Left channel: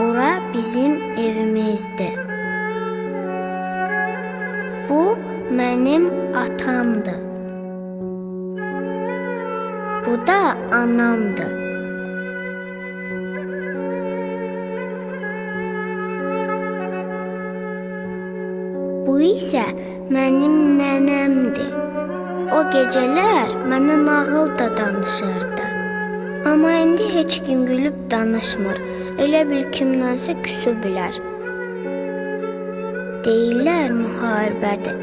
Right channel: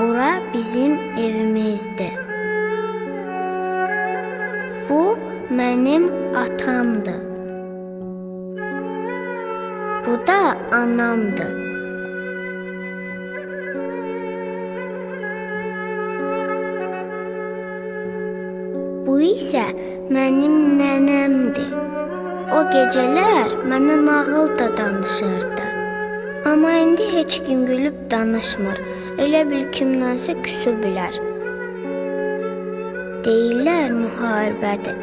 Bura bizim evimizdir. Bu mənim atamdır. Bu da anamdır. Bu isə mənim nənəmdir. O gecələr mənə nağıl da danışırdı. Amma indi heç kim gülüb danışmır. Elə bil kimdənsə küsüblər. Deyirlər müharibədir.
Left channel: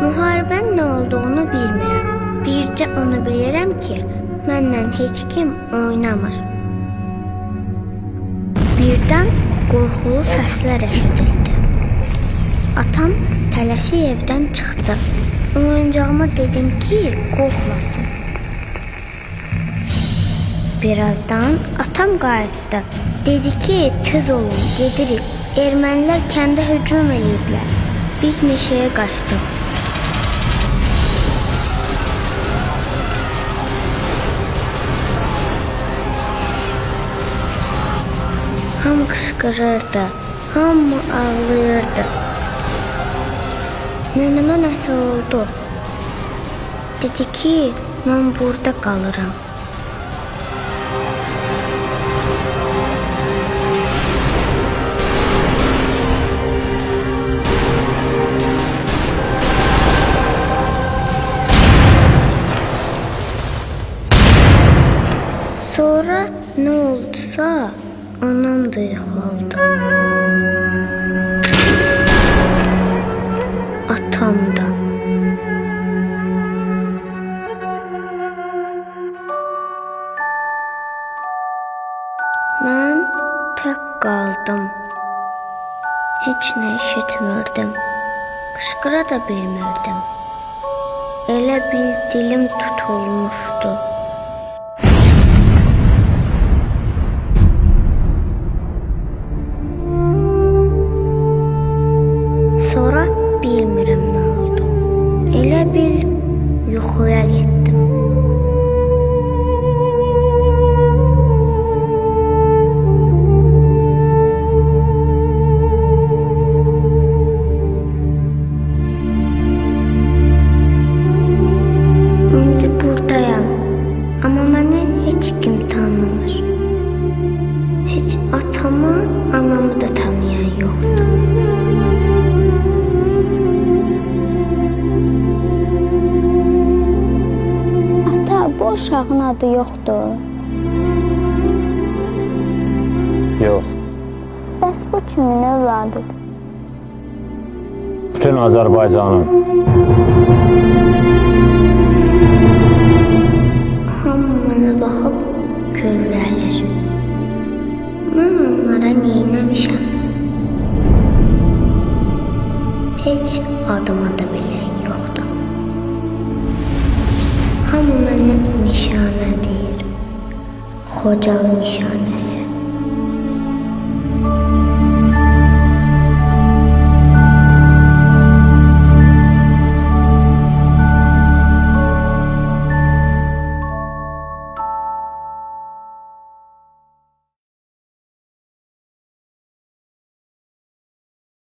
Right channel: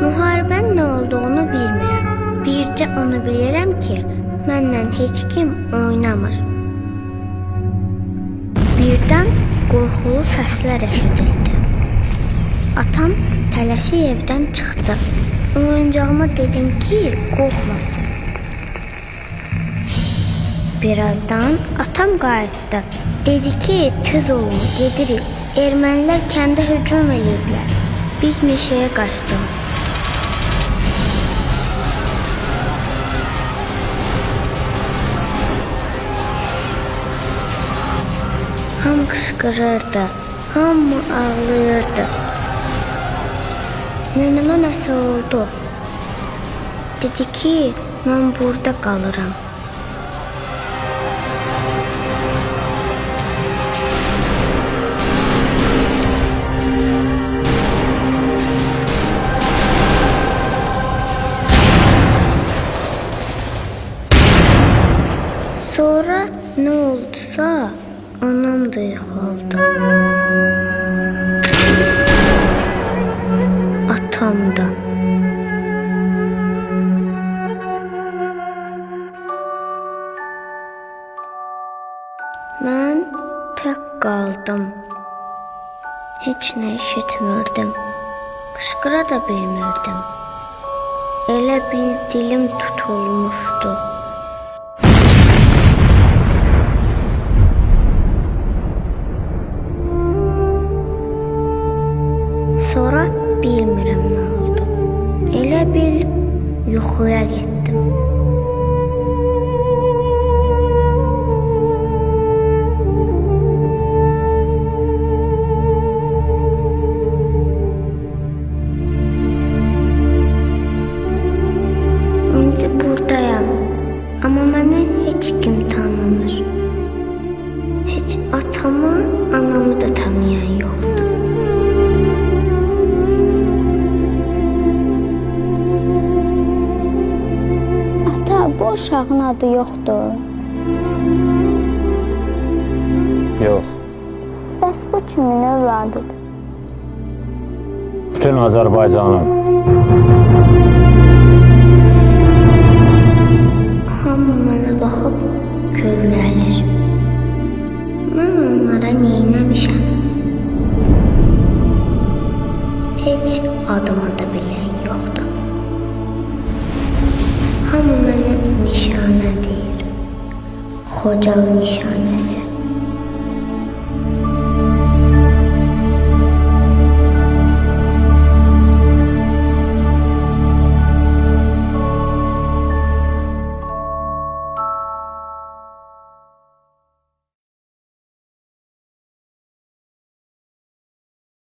Müharibənin nə olduğunu bilmirəm. Bircə onu bilirəm ki, mənlə heç kim oynamır. Birdən qorxulu səslər eşidildi. Atam tələsik evdən çıxdı. Oyuncağıma dedim ki, qorxmasın. Birazdan atam qayıtdı. Dedi ki, tez olun, gedirik. Ermənilər kəndə hücum eləyiblər. Biz meşəyə qaçdıq. Hamı qışqırırdı, hamı ağlayırdı. Nənəmə nəsə oldu. Dedi ki, mən burada qalıram. Sonra nə oldusa, anam da yıxıldı. Atam da. Mən tək qaldım. Heç nə eşitmirdim. Qışqıra da bilmirdim. Elə bil dilim tutulmuşdu. Sonra bilmirəm nə oldu. Elə bil yuxuya getdim. İndi buradayam. Amma məni heç kim tanımır. Heç atamı, anamı da tanıyan yoxdur. Bu uşağın adı yoxdur. Yox. Bəs bu kimin övladıdır? Bütün Azərbaycanın. Hamı mənə baxıb kövrəlir. Mən onlara neynəmişəm? Heç adımı da bilən yoxdur. Hamı mənə nişanə deyir. Xocalı nişanəsi.